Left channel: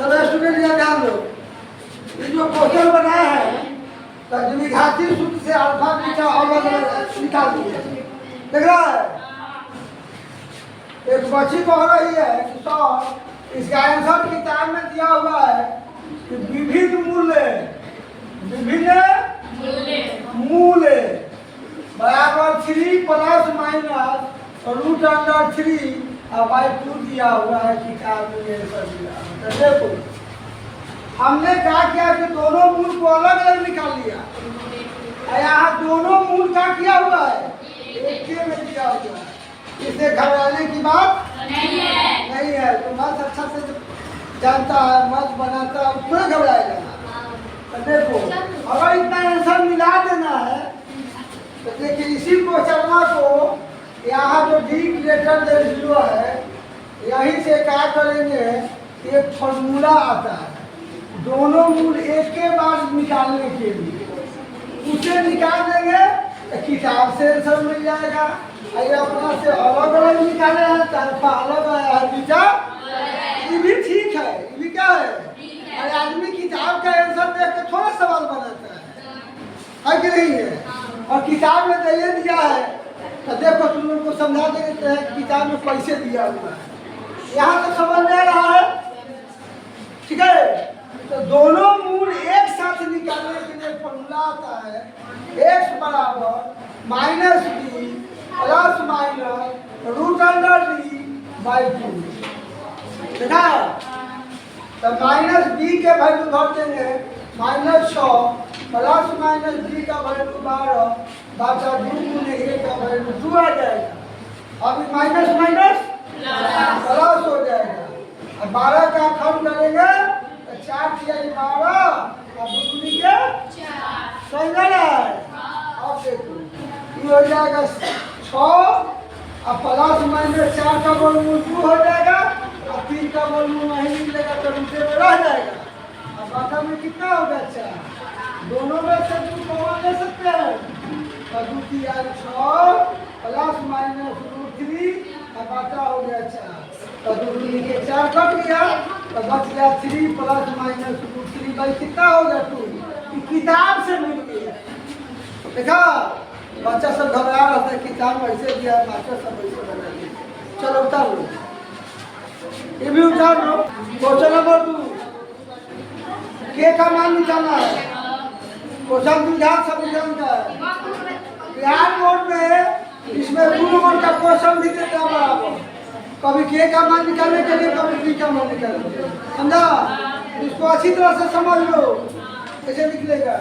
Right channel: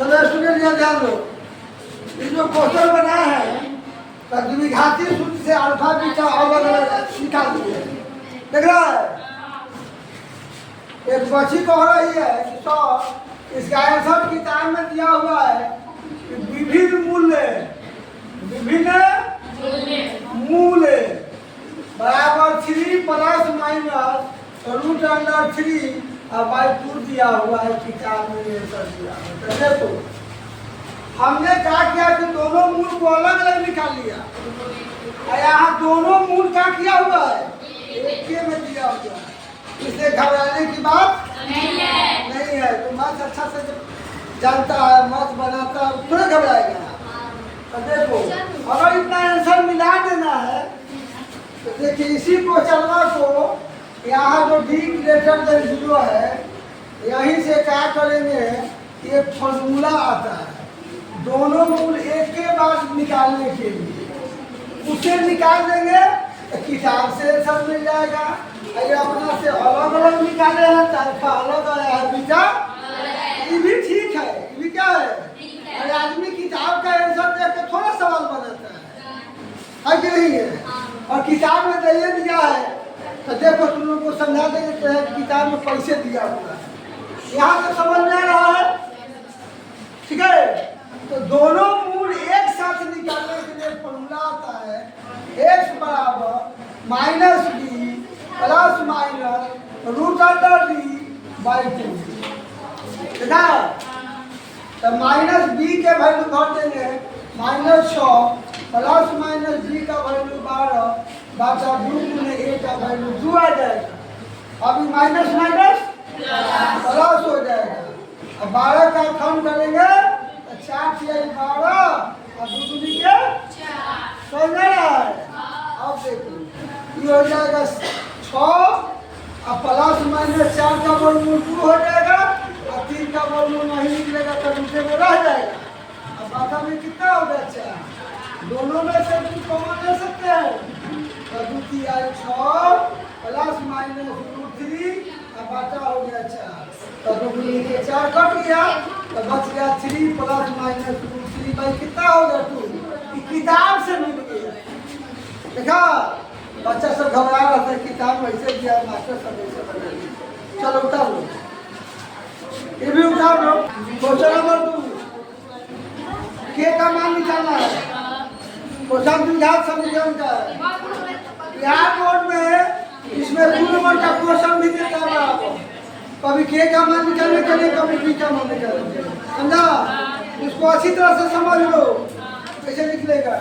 चलो स्टूडेंट यहाँ ध्यान दो। ये जो क्वेश्चन बना है तो द्विघाती सूत्र से अल्फा बीटा अलग अलग निकाल दिए। देख रहा है एक बच्ची कह रही है कि तो इसका आंसर किताब में दिया हुआ है कि विभिन्न मूल्य बराबर 3 प्लस माइनस रूट अंडर 3 और बाई 2 दिया हुआ है किताब में आंसर दिया हुआ। तो देखो हमने क्या किया कि दोनों मूल को अलग अलग निकाल लिया और यहाँ दोनों मूल का किया हुआ है एक के में दिया हुआ है। इसे घबराने की बात नहीं है। तो मत अच्छा से जानता है मत बनाता है थोड़ा घबराएगा। तो देखो अगर इतना आंसर मिला देना है तो देखिए इसी क्वेश्चन को यहाँ जो डी ग्रेटर देन 0 है यहीं से क्या करेंगे एक फॉर्मूला आता है दोनों मूल एक के बाद निकालने के लिए उसे निकाल देंगे तो किताब से सब मिल जाएगा। ये अपना से अलग अलग निकाले हैं तो अल्फा अलग आया है बीटा ये भी ठीक है। ये भी क्या है अरे आदमी किताब का आंसर देख के थोड़ा सवाल बनाता है कि नहीं है। और किताब में तो ये दिया है तो देखो तुम लोग को समझा देंगे कि किताब में पैसे दिया हुआ है यहाँ तो समझ में आ रहा है ठीक है। तो दोनों मूल एक साथ निकालने के लिए फॉर्मूला आता है x बराबर minus B plus minus root under D by 2 देखा। तो माइनस बी के वैल्यू भर देंगे -100 प्लस माइनस बी का वैल्यू 12 बाटा 2 गुने a का वैल्यू 2 आ जाएगा। अभी माइनस माइनस प्लस हो जाएगा। अब 12 का कम करेंगे तो 4 किया 12 और 2 दूनी के 4 समझ रहा है। अब देखो ये हो जाएगा 6 और प्लस माइनस 4 का वर्गमूल 2 हो जाएगा और 3 का वर्गमूल नहीं निकलेगा तो नीचे में रह जाएगा। अब बाटा में कितना हो गया 4 दोनों में से 2 कॉमन ले सकते हैं और 2 की आई 6 प्लस माइनस रूट 3 और बाटा हो गया 4 तो 2 गुनी के 4 कट गया तो बच गया 3 प्लस माइनस रूट 3 बाई कितना हो गया 2 किताब से मिल गया। देखा बच्चा सब घबरा रहा था किताब कैसे दिया मास्टर सब कैसे बना दिया। चलो उतार लो ये भी उतार लो। क्वेश्चन नंबर 2 के का मान निकालना है। क्वेश्चन द्विघात समीकरण का है। बिहार बोर्ड में इसमें 2 नंबर का क्वेश्चन भी देता है बराबर कभी के का मान निकालने के लिए कभी बी का मान निकालने के लिए समझा। इसको अच्छी तरह से समझ लो कैसे निकलेगा।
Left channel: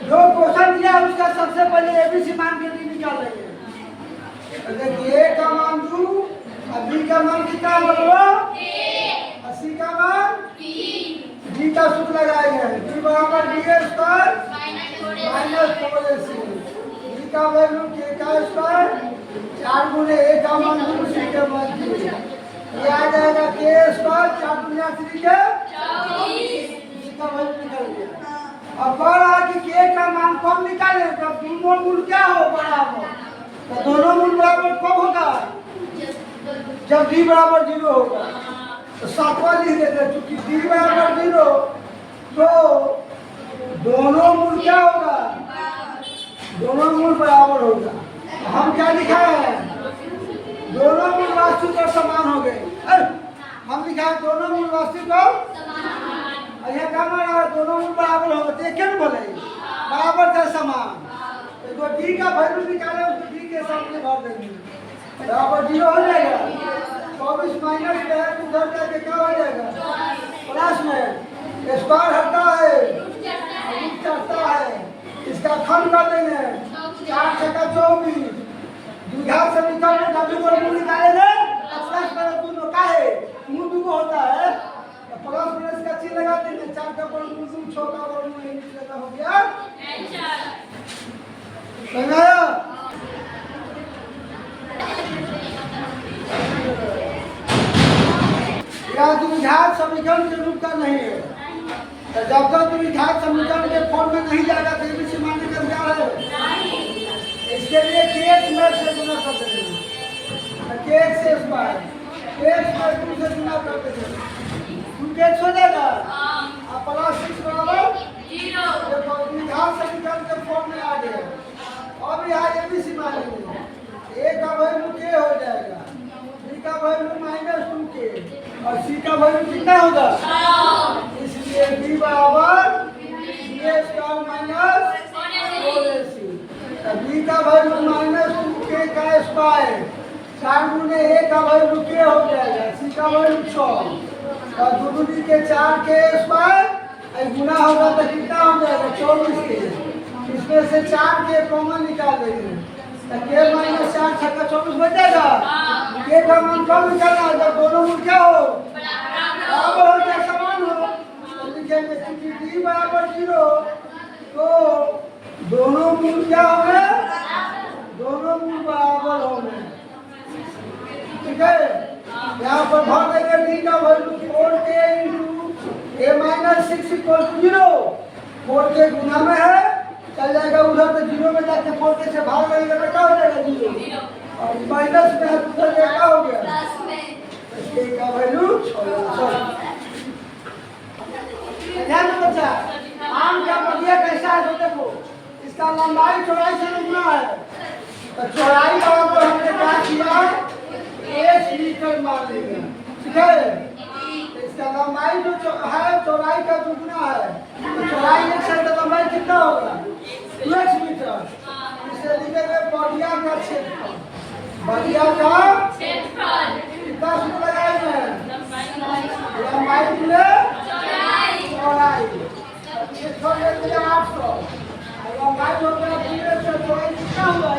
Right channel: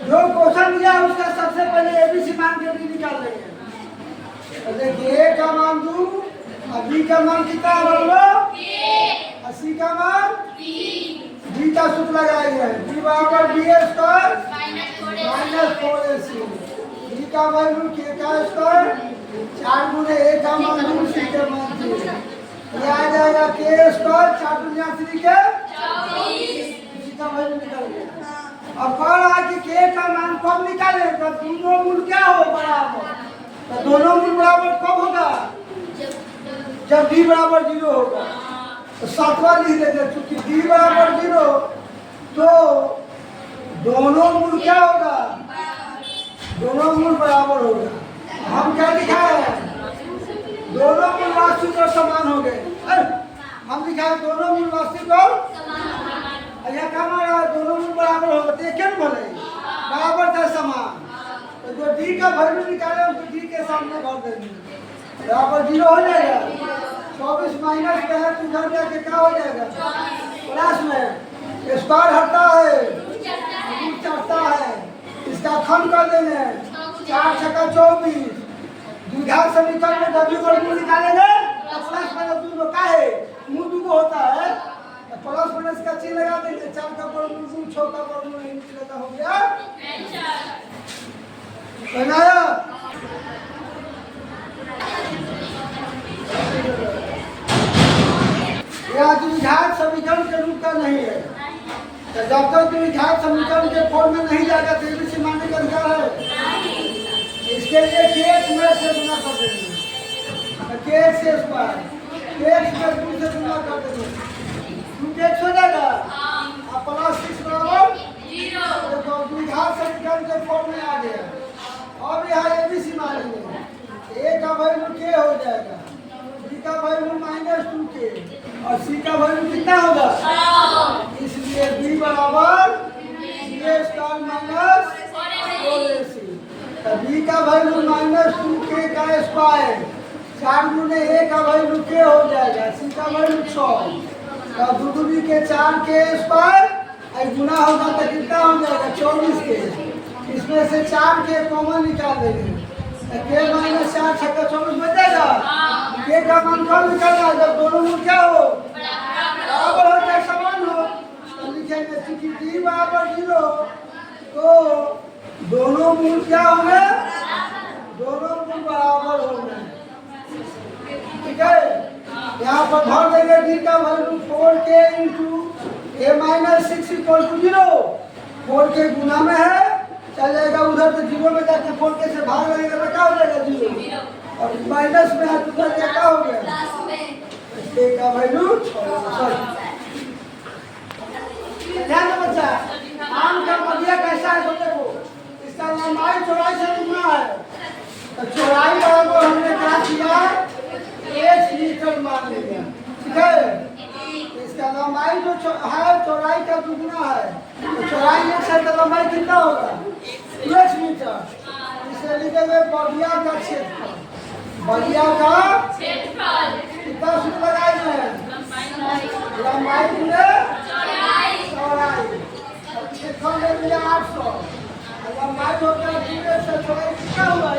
जो क्वेश्चन दिया उसका सबसे पहले एबीसी मान के भी निकाल लेंगे। देखिए ए का मान 2 और बी का मान कितना होगा और सी का मान बी का सूत्र लगाएंगे बी बराबर B square minus 4ac B का वैल्यू के का स्क्वायर 4 गुने ए का मान 2 सी के मान 3 ये आ जाएगा के स्क्वायर 4 गुना 3 के 24 बी का वैल्यू निकल गया। अब कह रहा है कि के का मान कब निकाले जब दोनों मूल क्या हो बराबर। तो दोनों मूल बराबर कब होगा जब d बराबर 0 होगा। तो सातवां लिख देते क्योंकि d बराबर 0 तो दोनों मूल क्या होगा दोनों मूल बराबर होगा। हम क्या लिखा है दोनों मूल वास्तविक और समान हो गए। हम लिखा है दोनों मूल वास्तविक और यह क्या मान रहा है दोनों मूल बराबर होगा तो क्या बोले बराबर था समान। तो जो डी का वैल्यू निकाले उसको डी के सामने भर देंगे बराबर 0 हो जाएगा। 24 माइनस में है तो उधर जाके क्या हो जाएगा प्लस में स्क्वायर हटता है रूट चढ़ता है इसका खंड कर देंगे 4 छक्का 24 द्विघात समीकरण में w वर्गमूल निकालेंगे तो प्लस माइनस दोनों का है मूल 2 होता है प्लस माइनस का चिन्ह लगा देंगे 4 का वर्गमूल 2 6 का वर्गमूल नहीं निकलेगा हो गया समझाया। यह द्विघात समीकरण के रूप का नहीं है तो जब तक द्विघात समीकरण के फॉर्म में नहीं जाएगा तो एबीसी मानने का अधिकार है। इसके लिए के में से गुना कर देंगे के से स्क्वायर के में 2 से गुना कर देंगे 2 के 1 हो जाएगा। अब प्लस 6 बराबर 0। देखो द्विघात से निकाल के फॉर्म में आ गया। अब यहाँ एबीसी मानेंगे, ए का वैल्यू के हो जाएगा, बी का वैल्यू -2k और सी का वैल्यू कितना होगा, इसलिए बी बराबर a square minus 4ac। B का वैल्यू -2k का स्क्वायर, 4 गुने a का वैल्यू k हो जाएगा, सी का वैल्यू 6 तो 2 दूनी के 4k स्क्वायर और गुना होगा तो कितना हो जाएगा 24k। इसमें से 4k कॉमन निकाल देंगे तो k माइनस 4 छक्का 24 बच जाएगा। k का मान कम निकालना है जब दोनों मूल क्या हो बराबर हो जाए समान हो तो लिखेंगे चूंकि d बराबर 0 तो दोनों मूल क्या होंगे, दोनों मूल बराबर होंगे। ठीक है, यहाँ पर भर देंगे d का value 4k into a minus 6 equal to 0। 4k गुना में है चल जाएगा उधर तो 0 में जाके 4k से भाग लगेगा तो क्या हो जाएगा 0 और माइनस में है तो उधर क्या हो गया k का वैल्यू 6। ध्यान दो बच्चा, आम का बगिया कैसा है तो देखो इसका लंबाई चौड़ाई से दुगना है तो चौड़ाई बराबर हमने क्या किया 1 मीटर मान लिया। ठीक है, इसका लंबाई जो है चौड़ाई का दुगना है तो चौड़ाई 1 से तो लंबाई कितना होगा 1 मीटर। इसे लिखेंगे बगिया का क्षेत्रफल, बगिया का क्षेत्रफल कितना सूत्र लगाएंगे लंबाई गुणे चौड़ाई, क्षेत्रफल ले लिया 800 लंबाई हो गया पूरे से चौड़ाई कितना हुआ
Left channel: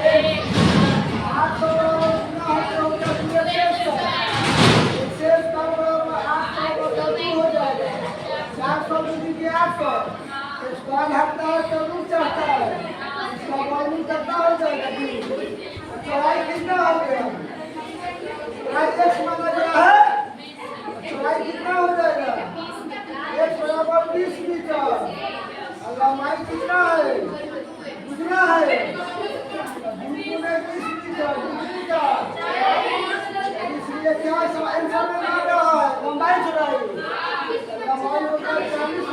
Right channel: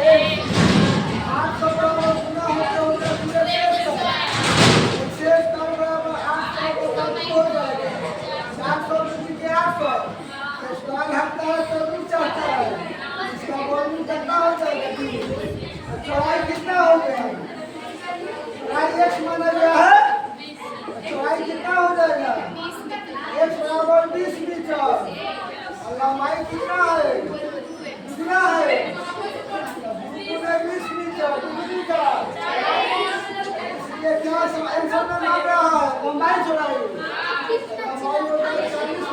800 बराबर गुना होगा पूरे से 800 हो जाएगा 400 के 800 स्क्वायर हटता है तो रूट चढ़ता है, इसका वॉल्यूम कितना हो जाएगा चौड़ाई कितना हो गया चौड़ाई x माना गया है चौड़ाई कितना हो जाएगा x बराबर 20 मीटर और लंबाई कितना है दुगना है 20 मीटर इसलिए क्या आंसर में आ रहा है लंबाई चौड़ाई लंबाई होगा 40